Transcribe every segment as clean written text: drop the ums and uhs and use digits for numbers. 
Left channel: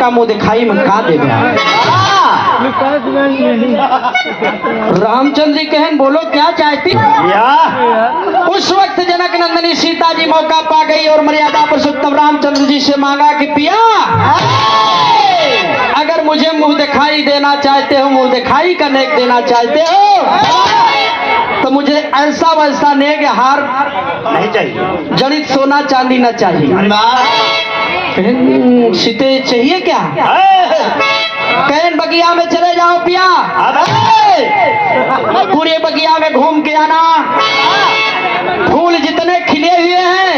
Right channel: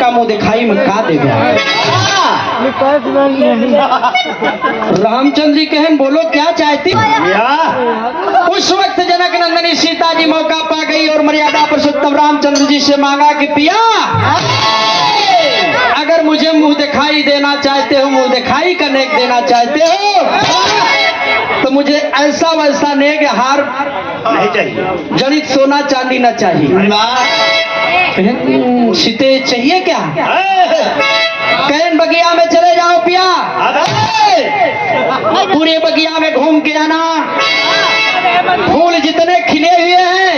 का मुंह दिखाई में का दे रामचंद्र जी कहन बोलो क्या चाहती। उस वक्त जनक नंदिनी सीता जी मौका पा गई और मर्यादा पुरुषोत्तम रामचंद्र जी से मांगा कि पिया अगर मुझे मुंह दिखाई देना चाहते हो, मुंह दिखाई का नेक देना चाहते हो तो मुझे ऐसा वैसा नेक हार नहीं चाहिए, जड़ित सोना चांदी न चाहिए। सीते चाहिए क्या? कहन बगिया में चले जाओ पिया, पूरे बगिया में घूम के आना, फूल जितने खिले हुए हैं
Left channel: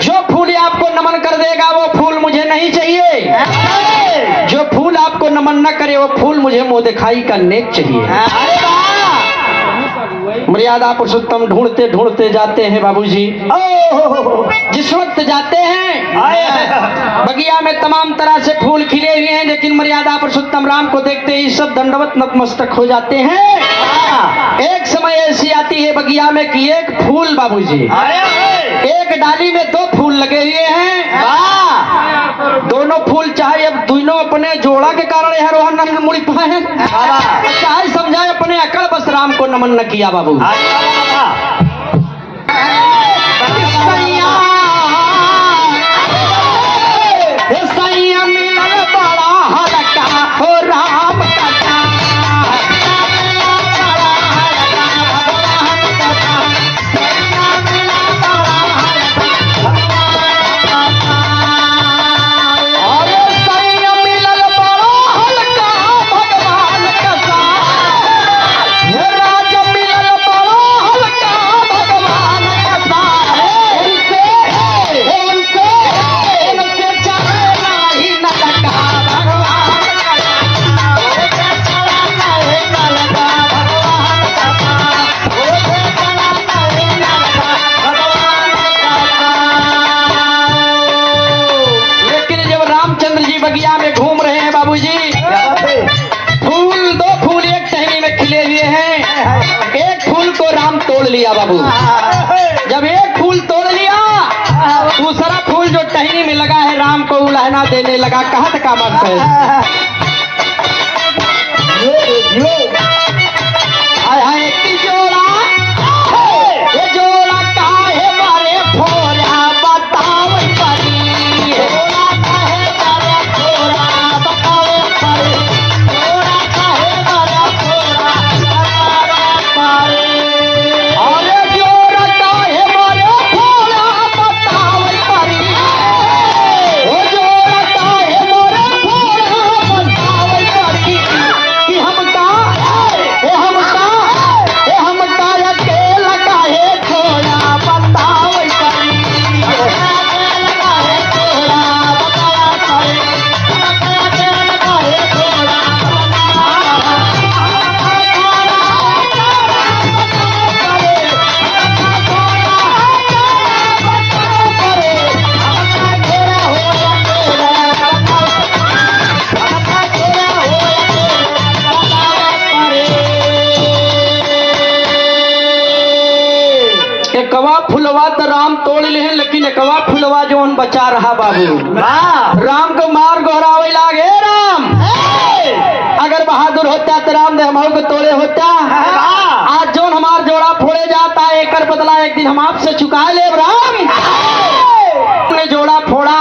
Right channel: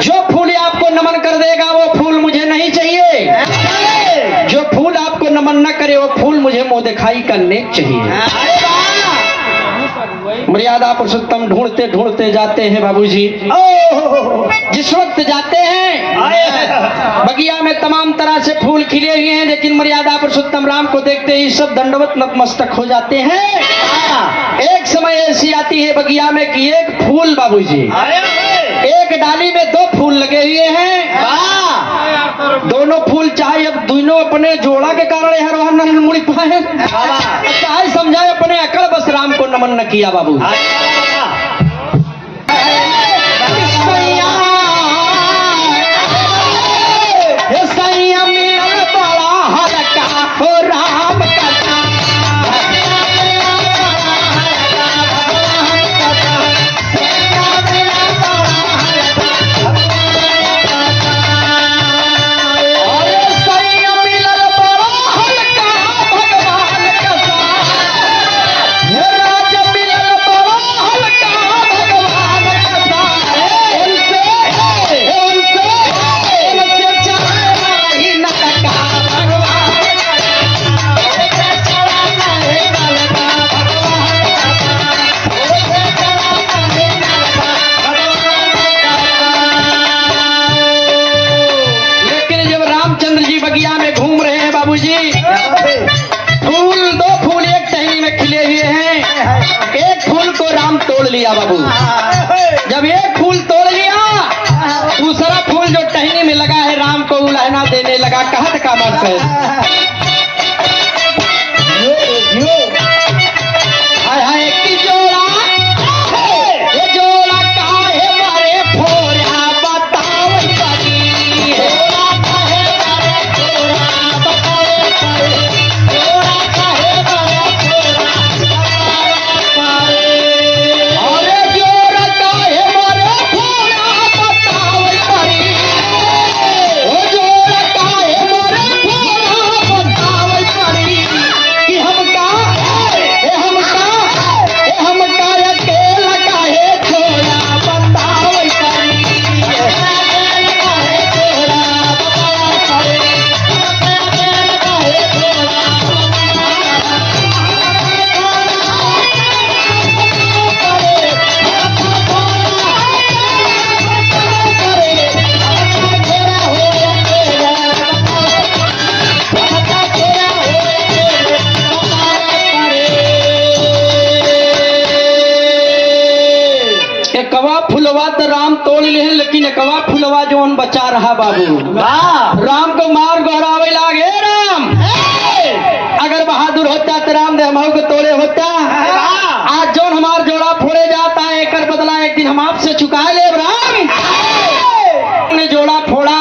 जो फूल आपको नमन कर देगा वो फूल मुझे नहीं चाहिए, जो फूल आपको नमन न करे वो फूल मुझे मुंह दिखाई का नेक चाहिए। मर्यादा पुरुषोत्तम ढूंढते ढूंढते जाते हैं बाबूजी। जिस वक्त जाते हैं बगिया में तमाम तरह से फूल खिले हुए हैं, लेकिन मर्यादा पुरुषोत्तम राम को देखते ही सब दंडवत नतमस्तक हो जाते हैं। एक समय ऐसी आती है बगिया में कि एक फूल बाबूजी, एक डाली में दो फूल लगे हुए हैं, दोनों फूल चाहे अब दोनों अपने जोड़ा के कारण यार वहां नंग मुड़ पाए, चाहे समझाए अपने अकड़ बस राम को नमन न किया बाबू। बगिया में घूम रहे हैं बाबूजी, फूल दो फूल एक टहनी में खिले हुए हैं, एक फूल को राम तोड़ लिया बाबू। जब एक फूल तोड़ लिया दूसरा फूल जो टहनी में लगा है राम को उलहना देने लगा। कहत का मत है फुलवा तो राम तोड़ ले, लेकिन एकवा फुलवा जो बचा रहा बाबू। राम को मार गौरावे लागे राम, अगर बहादुर होता तो राम ने हमारे को तोड़े होता। आज जो हमार जोड़ा फोड़े जाता है एक बदला एक दिन हम आपसे चुका ले राम। ने जोड़ा फोड़ा,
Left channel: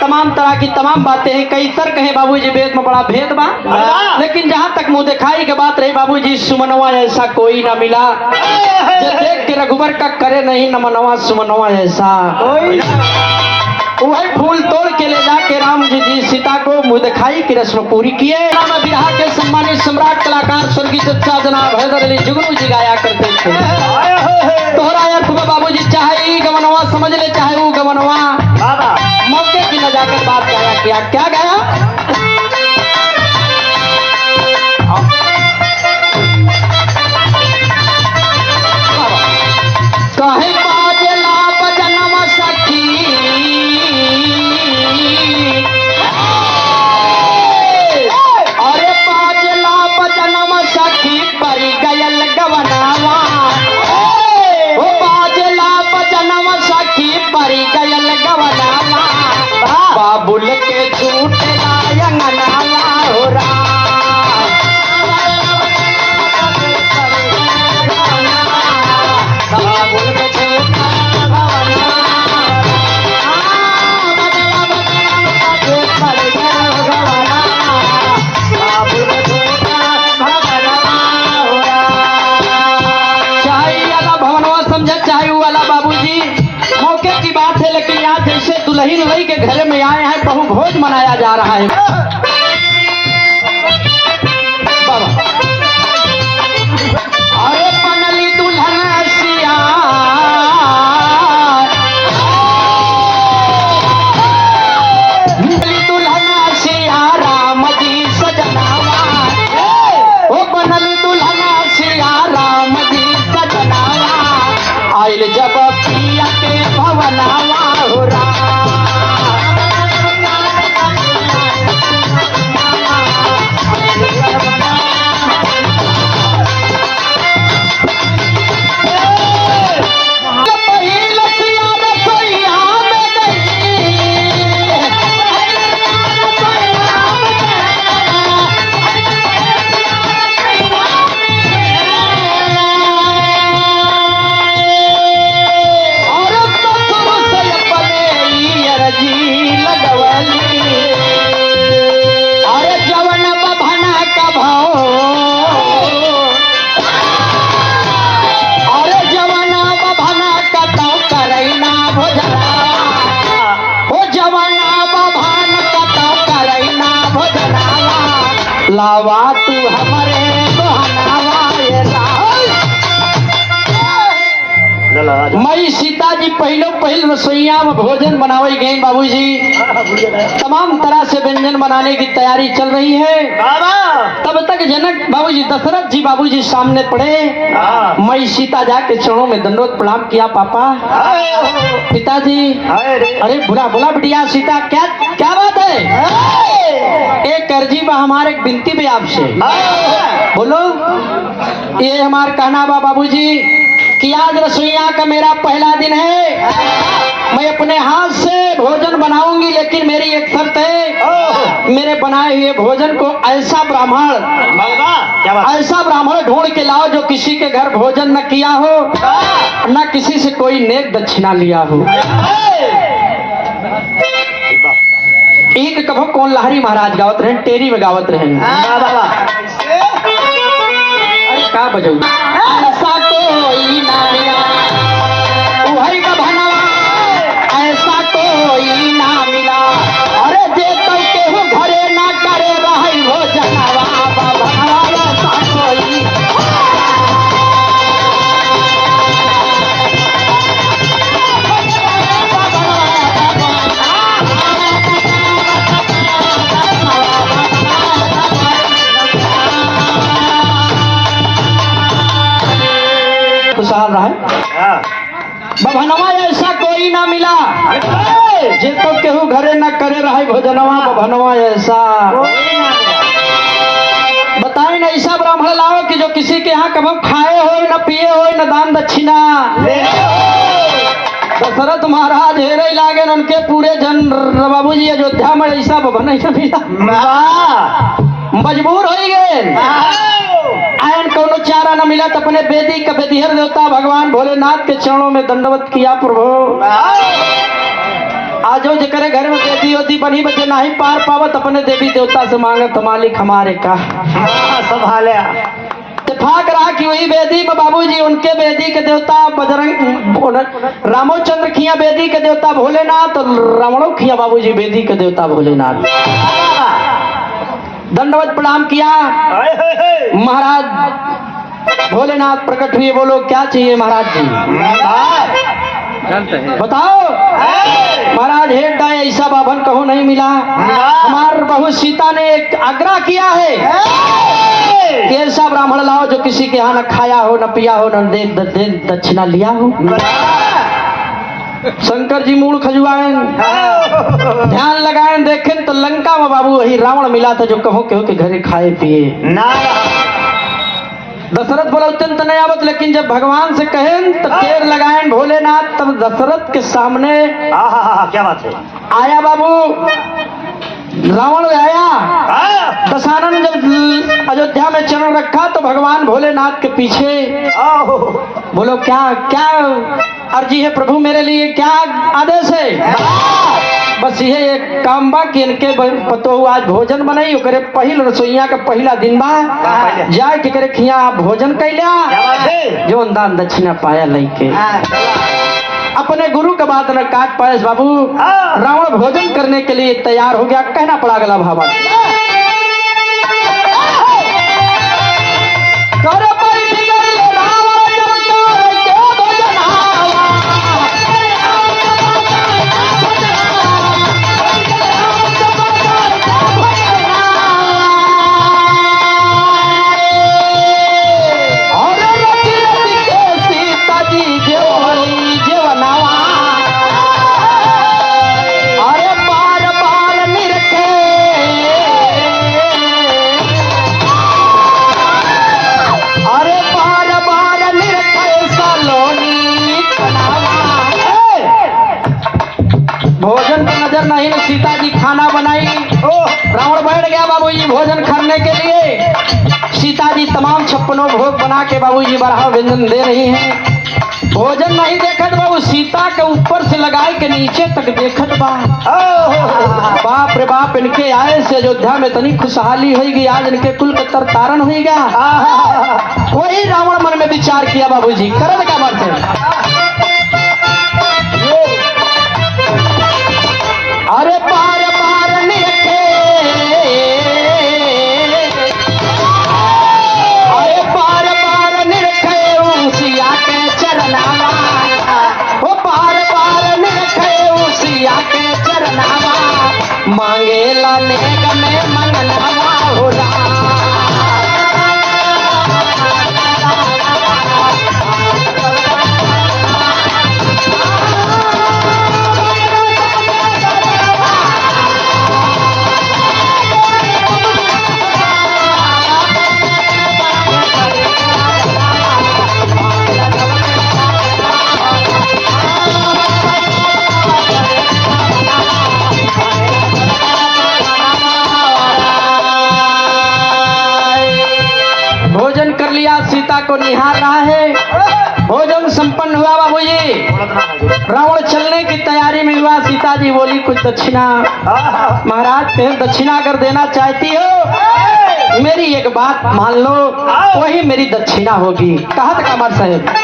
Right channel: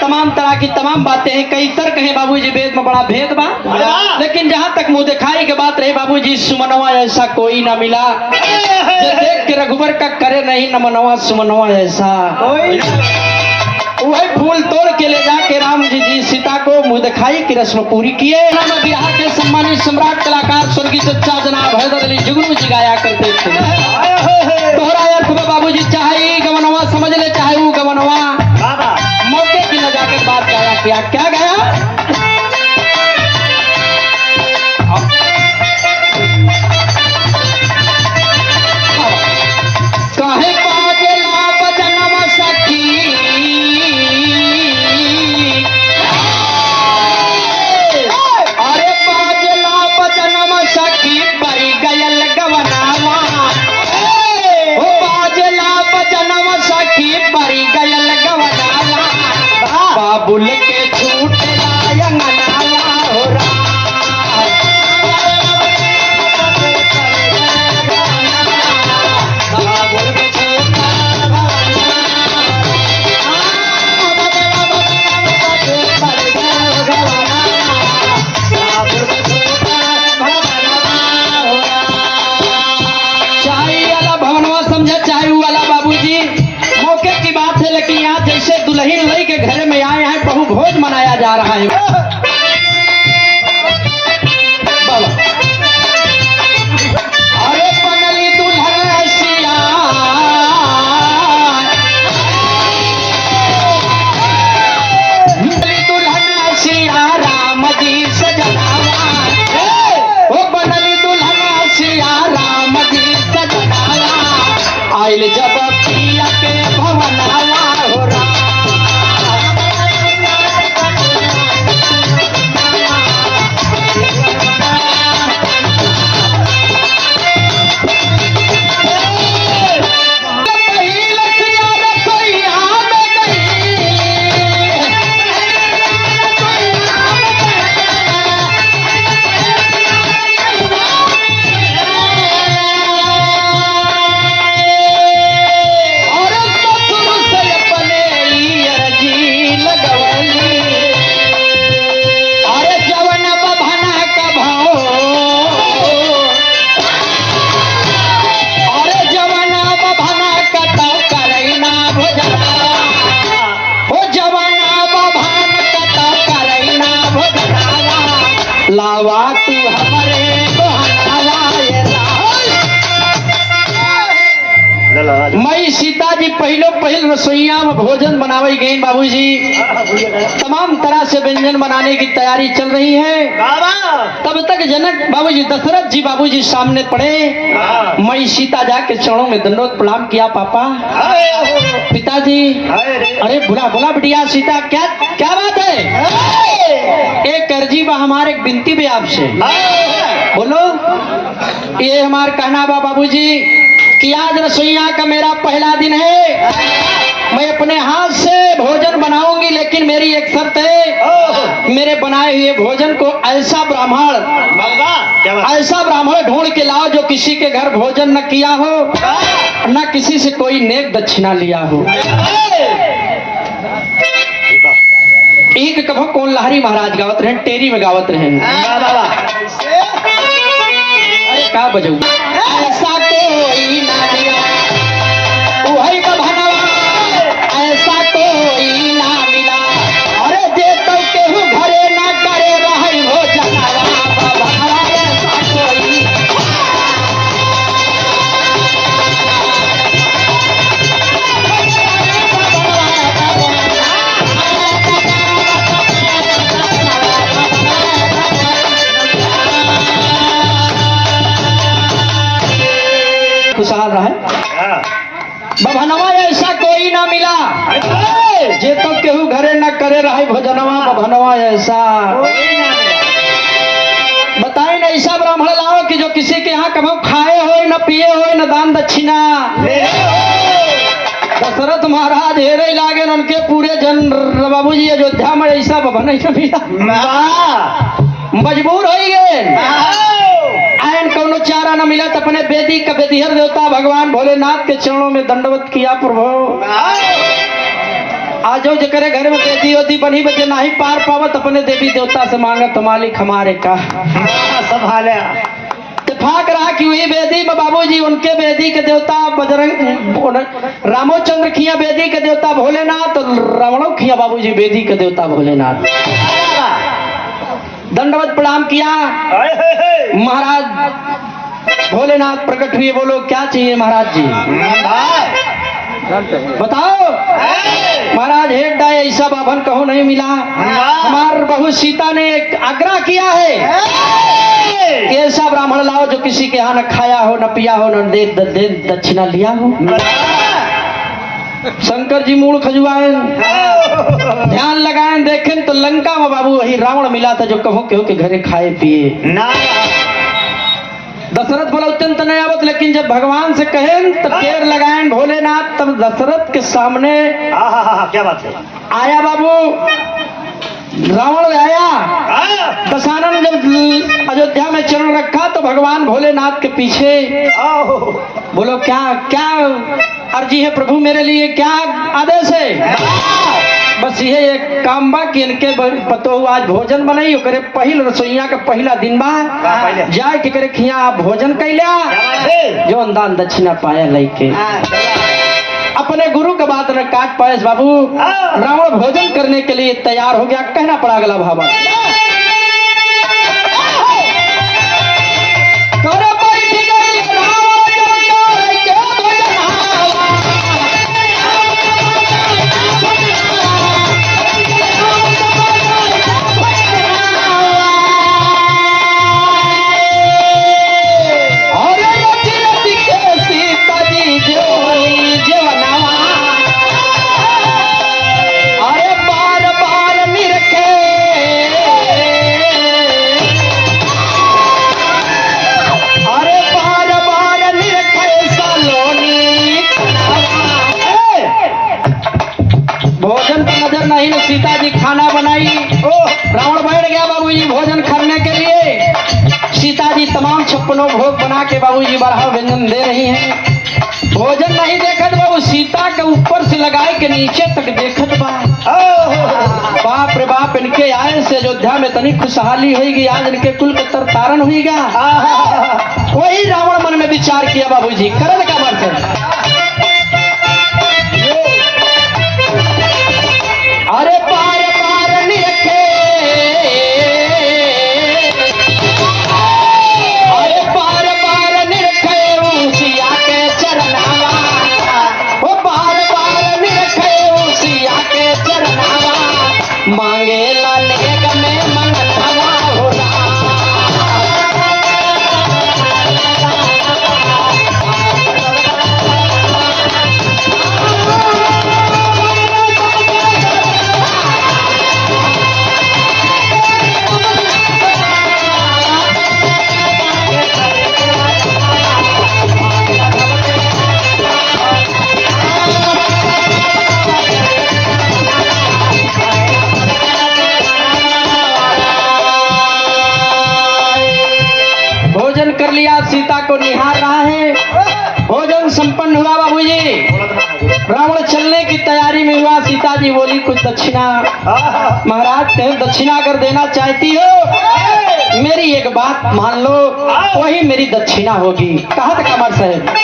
तमाम तरह की तमाम बातें हैं, कई सर कहे बाबूजी वेद में बड़ा भेद बा, लेकिन जहाँ तक मुंह दिखाई के बात रही बाबूजी सुमनवा ऐसा कोई ना मिला जो देख के रघुबर का करे नहीं न मनवा सुमनवा ऐसा। वही फूल तोड़ के ले जाके राम जी सीता को मुंह दिखाई की रस्म पूरी किए। बिहार के सम्मानित सम्राट कलाकार स्वर्गीय चचा जनाब हैदर अली जुगनू जी गाया करते थे। तोहरा बाबूजी चाहे गवनवा समझ ले चाहे वो गवनवा, मौके की न जाकर बात गाया क्या गया। बाबुल के छूट रायन नाला हो राम दुल्हन वही के घर में आए हैं, बहु भोज मनाया जा रहा है। अरे बनली दुल्हन सिया, दुल्हन सिया राम जी सजनावा, ओ बनली दुल्हन सिया राम जी सजनावा, आइल जब पिया के भवनावा हो राम। लावा तू हमारे मई सीता जी पहले रसोईया में भोजन बनावे गए बाबूजी। तमाम तरह से व्यंजन बनाने की तैयारी चल रही है। तब तक जनक बाबूजी दशरथ जी बाबूजी सामने पड़े। मई सीता जाके चरणों में दंडोत प्रणाम किया। पापा पिताजी, अरे बुला बुला बिटिया सीता, क्या क्या बात है? एक अर्जी बा, हमारे विनती भी आपसे। बोलो। ये हमार कहना बा बाबूजी कि आज रसोईया का मेरा पहला दिन है। मैं अपने हाथ से भोजन बनाऊंगी, लेकिन मेरी एक शर्त है, मेरे बनाए हुए भोजन को ऐसा ब्राह्मण ढूंढ के लाओ जो किसी के घर भोजन न किया हो, न किसी से कोई नेक दक्षिणा लिया हो। एक कभो कौन लहरी महाराज गावत रहे, टेरी में गावत रहे। अरे का बजाऊ ऐसा कोई ना मिला, उहई का भनवा ऐसा कोई ना मिला। अरे जे तो केहू घरे ना करे रही हो जनावा, ऐसा कोई। खुशहाल रहा बभनवा ऐसा कोई ना मिला, जे तो केहू घरे न करे रहे भोजनवा, बभनवा ऐसा। बताए न ऐसा ब्राह्मण लाओ कि जो किसी के यहाँ कभी खाए हो न पिए हो न दान दक्षिणा। दशरथ महाराज हेरे लागे उनके पूरे जन बाबूजी अयोध्या में ऐसा भवन नहीं मिला, मजबूर हो गए। आयन कोनो चारा न मिला तो अपने वेदी का वेदिहर देवता भगवान भोलेनाथ के चरणों में दंडवत किया। प्रभु आजो जकरे घर में वेदी होती बनी बचे नहीं पार पावत, अपने देवी देवता से मांगत मालिक हमारे का संभाले। इत्तेफाक रहा कि वही वेदी में बाबूजी उनके वेदी के देवता बजरंग रामोचंद्र किया वेदी के देवता भोलेनाथ, रावणों किया बाबूजी वेदी के देवता भोलेनाथ। दंडवत प्रणाम किया। महाराज भोलेनाथ प्रकट हुए। बोलो क्या चाहिए महाराज जी? बताओ। महाराज हेड डाय ऐसा बाभन कहो नहीं मिला। हमार बहू सीता ने एक आग्रह किया है कि ऐसा ब्राह्मण लाओ जो किसी के यहाँ न खाया हो न पिया हो न दे दक्षिणा लिया हो। शंकर जी मूल खजुआए, ध्यान लगाए, देखें तो लंका में बाबू वही रावण मिला था जो कहो के घरे खाए पिए। दशरथ बोला अत्यंत नहीं आवत, लेकिन जब भगवान से कहें तो पैर लगाए भोलेनाथ, तब दशरथ के सामने क्या बात है आया बाबू रावण आया दशहरा जब अयोध्या में चरण रखा तो भगवान भोलेनाथ के पीछे बोलो क्या क्या अर्जी है प्रभु मेरे लिए, क्या आदेश है? बस ये एक काम बा कि इनके पतो आज भोजन बनाई ओकरे पहिल रसोईया का पहला दिन बा जाए के करे खिया भोजन कैला जो दान दक्षिणा पाया लेके अपने गुरु के बात न काट पाए बाबू। रावण भोजन करने के लिए तैयार हो गया, कहना पड़ा गला भावा सीता जी खाना बनाई। रावण बैठ गया बाबूजी भोजन करने के लिए। सीता जी तमाम 56 भोग बना के बाबूजी बड़ा व्यंजन दे रही हैं। भोजन नहीं देखत बाबू सीता के ऊपर से लगाए के नीचे तक देखत बा। बाप रे बाप, इनके आए से अयोध्या में तनी खुशहाली होगी, आज इनके कुल के तरतारण होगा। वही रावण मन में विचार किया बाबूजी करन का बात है। सीता को निहार रहा है। भोजन संपन्न हुआ बाबूजी, रावण चलने की तैयारी में हुआ। सीता जी बोली कुछ दक्षिणा। महाराज कहीं दक्षिणा अगर देना चाहती हो मेरी एक बात मान लो, वही मेरी दक्षिणा होगी। कहा था कमर साहब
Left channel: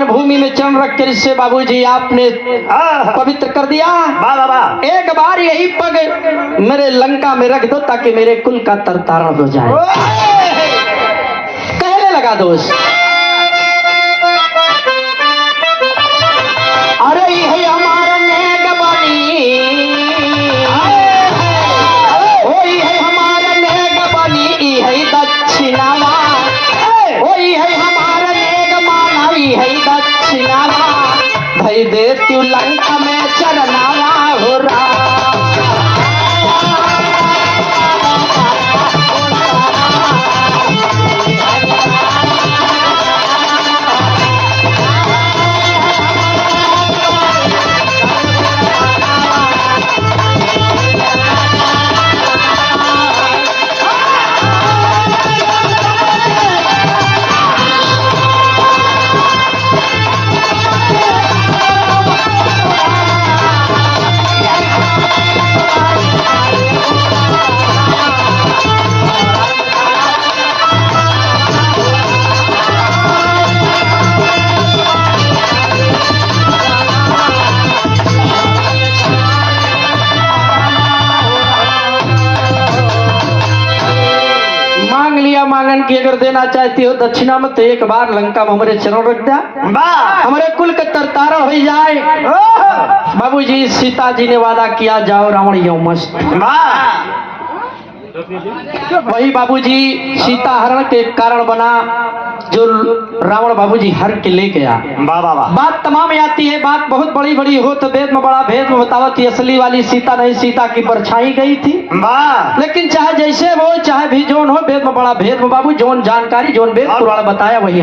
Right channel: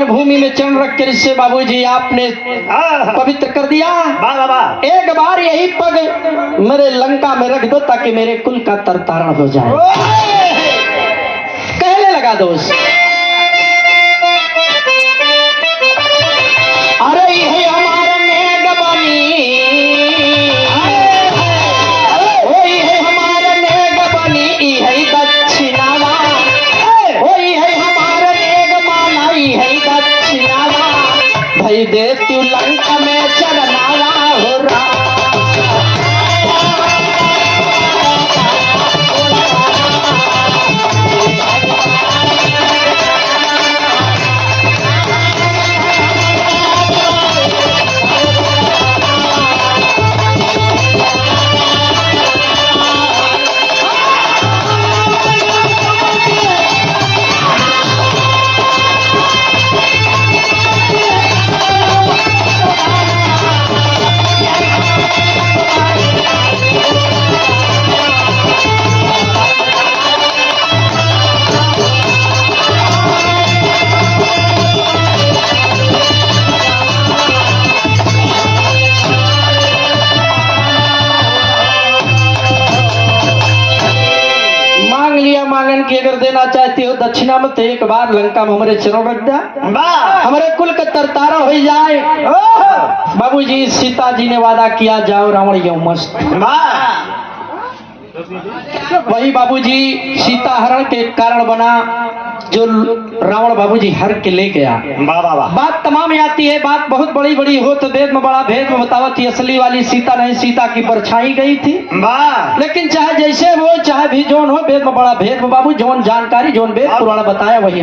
भूमि में चरण रख कर इससे बाबूजी आपने पवित्र कर दिया। एक बार यही पग मेरे लंका में रख दो ताकि मेरे कुल का तरतारण हो जाए। कहने लगा दोस्त, अरे ये हमारा नेग बनी, वही है हमारा नेग बनी, है दक्षिणावा, वही है हमारा नेग माना, है भाई दे तू लंका में चरनावा हो रहा। चाहती हो दक्षिणा में तो एक बार लंका में हमारे चरण रख दिया, हमारे कुल के तरतारण हो जाए। बाबूजी सीता जी ने वादा किया जाओ रावण यो मस्त। वही बाबूजी सीता हरण के कारण बना जो रावण बाबूजी हर के ले गया। बात तमाम आती है, बात बहुत बड़ी बड़ी हो तो वेद में बड़ा भेद में बतावत, असली वाली सीता नहीं, सीता की परछाई गई थी। लेकिन चाहे जैसे वो चाहे भी जोन हो, वेद में बड़ा भेद में बाबू, जोन जानकारी जोन वेद पुराण बताया वही